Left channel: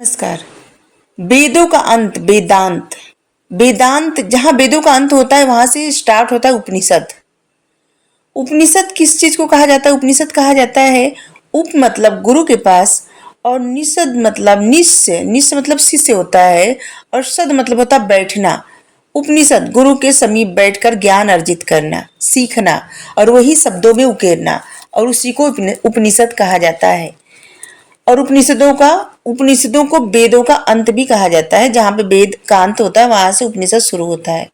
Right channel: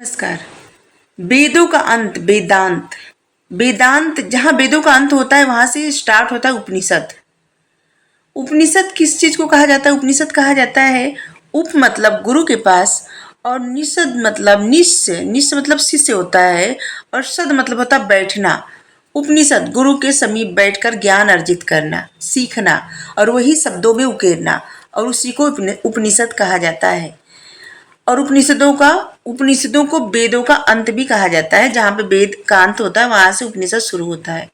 नमस्कार। वेदों का अंत वेदांत। वेदांत जहाँ वेदों का अंत होता है वहां से स्टार्ट होता है उपनिषद। उपनिषद किस चीज को कहा जाता है? उपनिषद कहा जाता है उप मतलब गुरु के पास, और निषद मतलब निश्चय, निश्चय मतलब शिष्य होता है, और सद मतलब होता है बैठना। उपनिषद गुरु के समीप बैठकर ज्ञान अर्जित करना, सीखना और वही शब्दों में उकेरना, और उसी को उपनिषद कहा जाता है। और उपनिषदों को वेदों का अंत भी कहा जाता है। जहाँ पे वेद का अंत होता है वहां से उपनिषद शुरू होता है।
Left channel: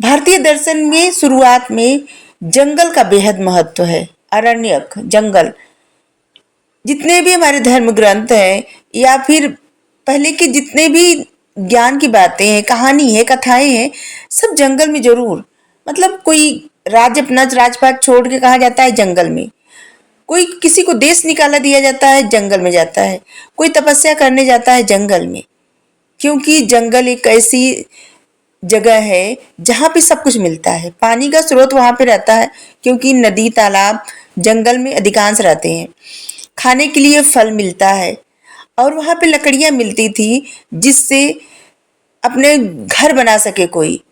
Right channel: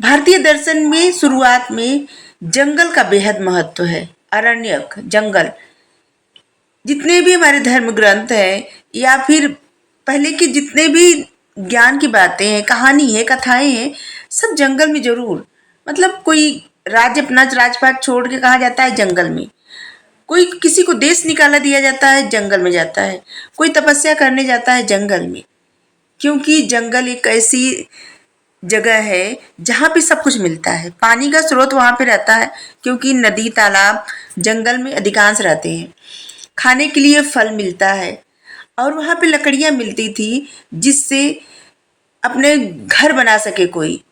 भारतीय दर्शन में शुरुआत में जंगल का बेहद महत्व है। अरण्यक, जंगल, जितने भी हमारे धर्म ग्रंथ हैं या फिर पहले के जितने भी ज्ञान की बातें हैं, कहानी है, कथाएं हैं, सब जंगल में जरूर। मतलब कोई राज्य अपना राजपाट छोड़ के कहाँ जाता है? जंगल में। कोई किसी को देश निकाला दिया जाता है, जंगल में जाता है। कोई तपस्या करने जाता है, जंगल में। क्योंकि जंगल एक ऐसी जगह है जहाँ पे सब कुछ मिलता है। पानी का स्रोत वहां पे रहता है, क्योंकि नदी तालाब जंगल में अधिकांश रहते हैं। खाने के लिए फल मिलता है, और वहां पे लकड़ियां मिलती थी जिससे अपने घर बना सके कोई।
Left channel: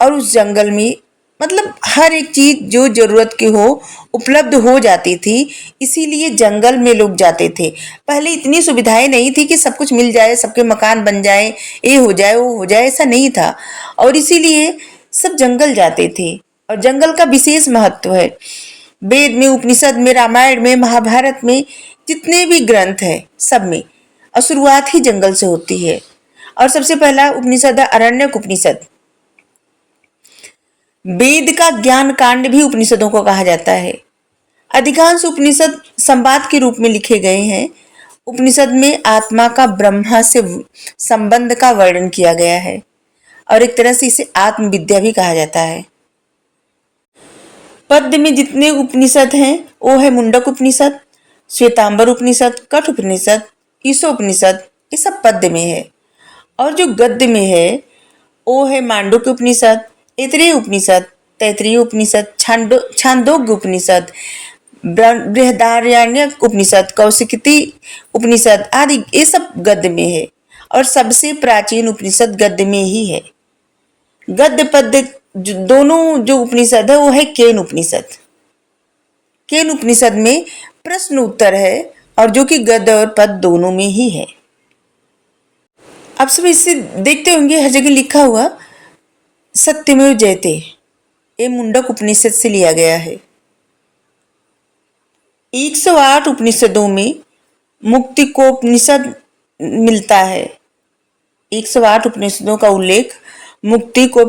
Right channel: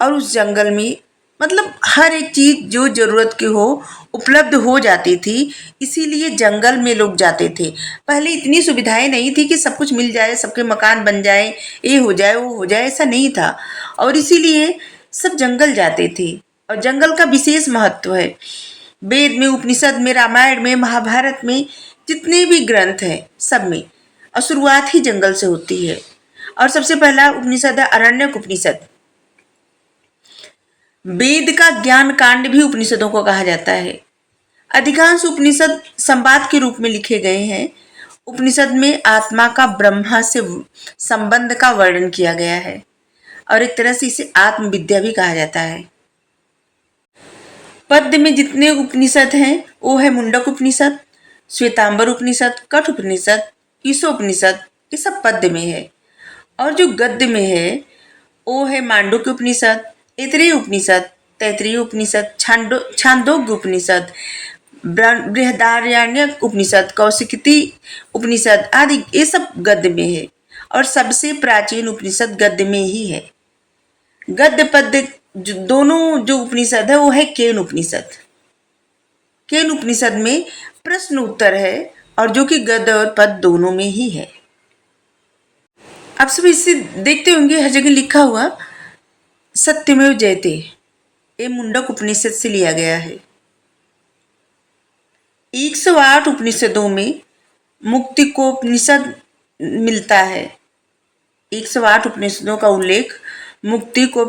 और उस जंगल में मतलब हर एक चीज जो जरूरत की हो उपलब्ध हो जाती थी। इसीलिए जंगल में लोग जाते थे। पहले इतनी सुविधाएं नहीं थी कि सब कुछ मिल जाए, सबके मकान बन जाए, ये हो जाए वो हो जाए, ऐसा नहीं था। और इसीलिए सब जंगल जाते थे। और जंगल का विशेष महत्व है। वेद में, उपनिषद में, रामायण में, महाभारत में, जितने भी ग्रंथ हैं सब में और शुरुआत ही जंगल से होती है। और सबसे पहला उपनिषद है अरण्यक उपनिषद। वेद का ज्ञान कांड भी उपनिषदों को कहा जाता है। अधिकांश उपनिषद संवाद के रूप में लिखे गए हैं। उपनिषद में आत्मा का ब्रह्मा से संबंध का वर्णन किया गया है, और एक तरह से इसे आत्मविद्या भी कहा जाता है। पद्य में जितने उपनिषद हैं वो है मुंडक उपनिषद, श्वेतांबर उपनिषद, कठ उपनिषद, ईशोपनिषद, ये सब पद्य में है। और जो गद्य में है वो है मांडुक्य उपनिषद, ऐतरेय उपनिषद, तैतरीय उपनिषद, छांदोग्य उपनिषद, बृहदारण्यक उपनिषद, कौशिकी उपनिषद आदि, ये सब गद्य में है। और सबसे प्राचीन उपनिषद गद्य में ही है। गद्य पद्य दोनों जो उपनिषद है वो है केन उपनिषद। केन उपनिषद में प्रश्न उत्तर है, और जो कि गद्य और पद दोनों में ही है। आप सब इससे देखते होंगे हर जगह लिखा हुआ सत्यमेव जयते, ये मुंडक उपनिषद से लिया गया है। 108 उपनिषदों में मुक्ति को उपनिषद मिलता है। 108 उपनिषदों का उल्लेख मुक्ति को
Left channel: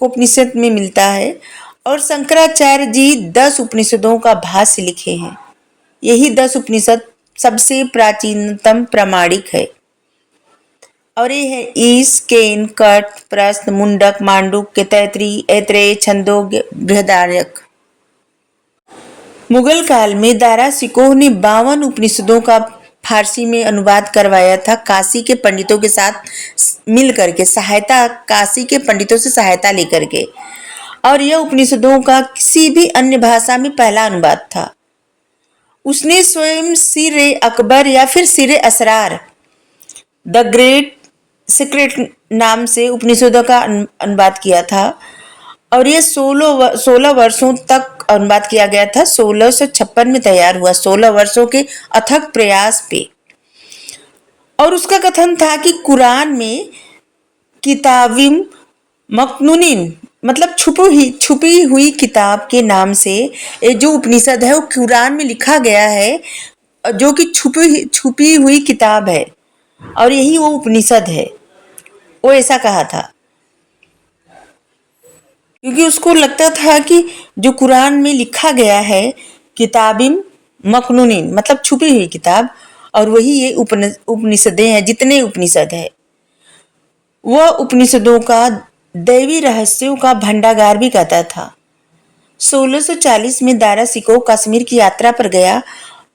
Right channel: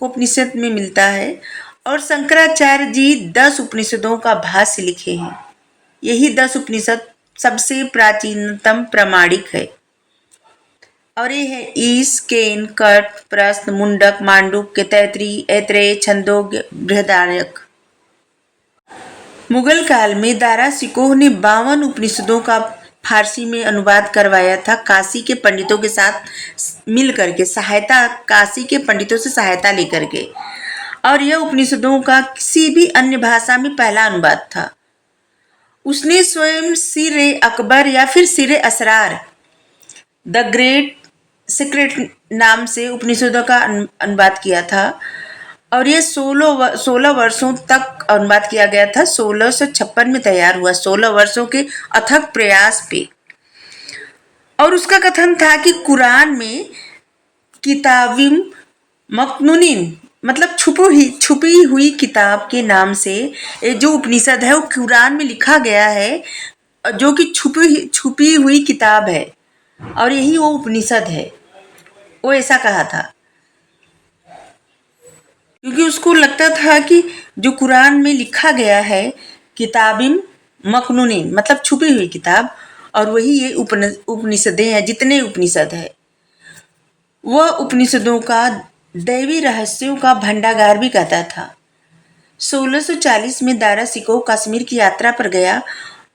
उपनिषद में मिलता है। और शंकराचार्य जी 10 उपनिषदों का भाष्य लिखे हैं। यही 10 उपनिषद सबसे प्राचीनतम प्रामाणिक है। और ये है ईश, केन, कठ, प्रश्न, मुंडक, मांडुक्य, तैतरीय, ऐतरेय, छंदोग्य, बृहदारण्यक। मुगल काल में दारा शिकोह ने 52 उपनिषदों का फारसी में अनुवाद करवाया था, काशी के पंडितों के साथ मिल करके, काशी के पंडितों से सहायता लेकर के। और यह उपनिषदों का किसी भी अन्य भाषा में पहला अनुवाद था। उसने स्वयं सिर अकबर या फिर सिर असरार, द ग्रेट सीक्रेट नाम से उपनिषदों का अनुवाद किया था। और ये 16 वर्षों तक अनुवाद किया गया था। 1656 में तैयार हुआ, 16 वर्षों के अथक प्रयास पे। और उसका कथन था कि कुरान में किताबिम मकनूनिन मतलब छुपी हुई किताब के नाम से ये जो उपनिषद है वो कुरान में लिखा गया है, जो कि छुपी हुई किताब है, और यही वो उपनिषद है। वो ऐसा कहा था, क्योंकि उसको लगता था कि जो कुरान में लिखा गया है किताबिम मकनूनिन मतलब छुपी हुई किताब, और वही ये उपनिषदें हैं, जितने उपनिषद है। वह उपनिषदों का दैवी रहस्यों का भंडागार भी कहता था। 1640 में दारा शिकोह कश्मीर की यात्रा पर गया,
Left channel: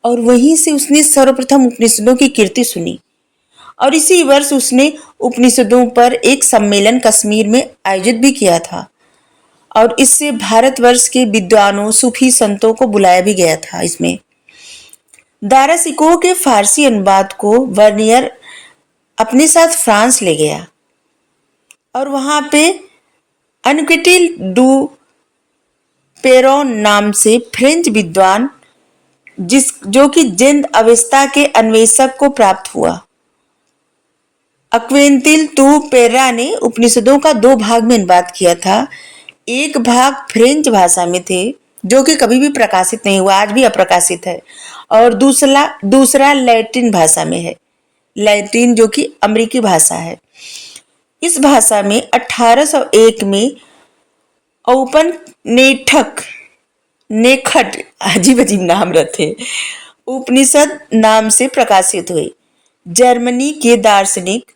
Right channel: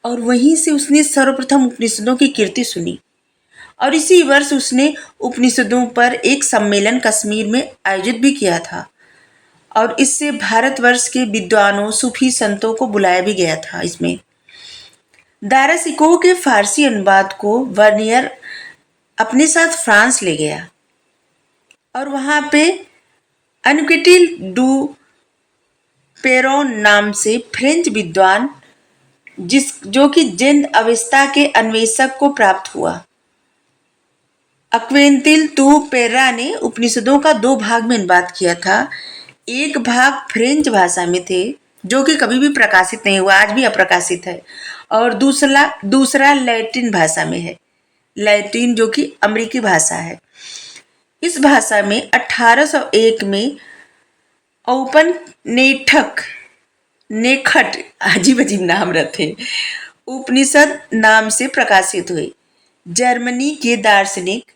और वहीं से उसने सर्वप्रथम उपनिषदों की कीर्ति सुनी। और इसी वर्ष उसने उपनिषदों पर एक सम्मेलन कश्मीर में आयोजित भी किया था, और इससे भारतवर्ष के विद्वानों, सूफी संतों को बुलाया भी गया था इसमें। दारा सिकोह के फारसी अनुवाद को वर्नियर अपने साथ फ्रांस ले गया और वहां पे अनक्विटिल डू पेरोन नाम से फ्रेंच विद्वान जो कि जिंद अवस्था के अन्वेषक को प्राप्त हुआ। अक्वेंतिल तू पेर्रा ने उपनिषदों का 2 भाग में अनुवाद किया था। एक भाग फ्रेंच भाषा में थे जो कि कभी भी प्रकाशित नहीं हुआ, आज भी अप्रकाशित है, और दूसरा दूसरा लैटिन भाषा में है। लैटिन जो कि अमेरिकी भाषा है। इस भाषा में 1801 में औपन नेखट अजीब अजीब नाम रहते उपनिषद नाम से प्रकाशित हुए। जर्मनी के दार्शनिक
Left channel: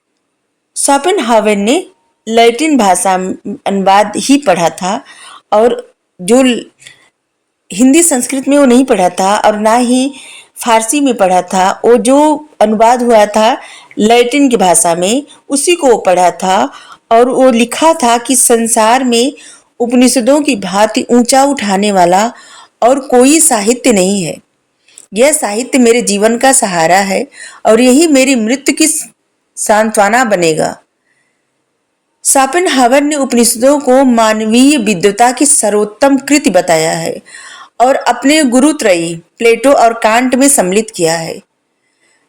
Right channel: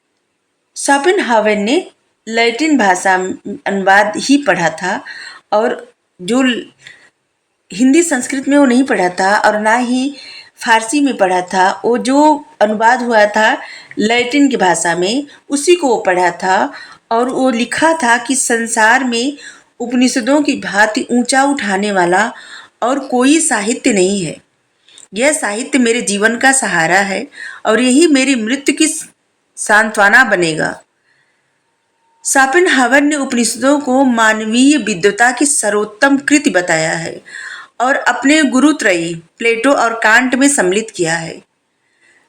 शोपेनहावर ने लैटिन भाषा अनुवाद ही पढ़ा था और जो हिंदी संस्कृत में वो नहीं पढ़ा था और ना ही फारसी में पढ़ा था, वो जो अनुवाद हुआ था लैटिन की भाषा में उसी को पढ़ा था और वो लिखा था कि संसार में उपनिषदों की भांति ऊंचा उठाने वाला और कोई साहित्य नहीं है। यह साहित्य मेरे जीवन का सहारा है और यही मेरी मृत्यु की सांत्वना बनेगा। शोपेनहावर ने उपनिषदों को मानवीय विद्वता की सर्वोत्तम कृति बताया है और अपने गुरुत्रयी प्लेटो और कांट में सम्मिलित किया है।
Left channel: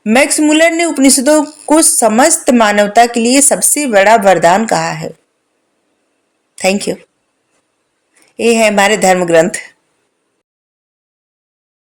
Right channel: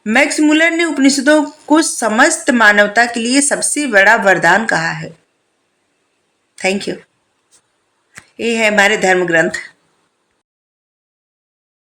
मैक्स मुलर ने उपनिषदों को समस्त मानवता के लिए सबसे बड़ा वरदान कहा है। Thank you. ये है हमारे धर्म ग्रंथ।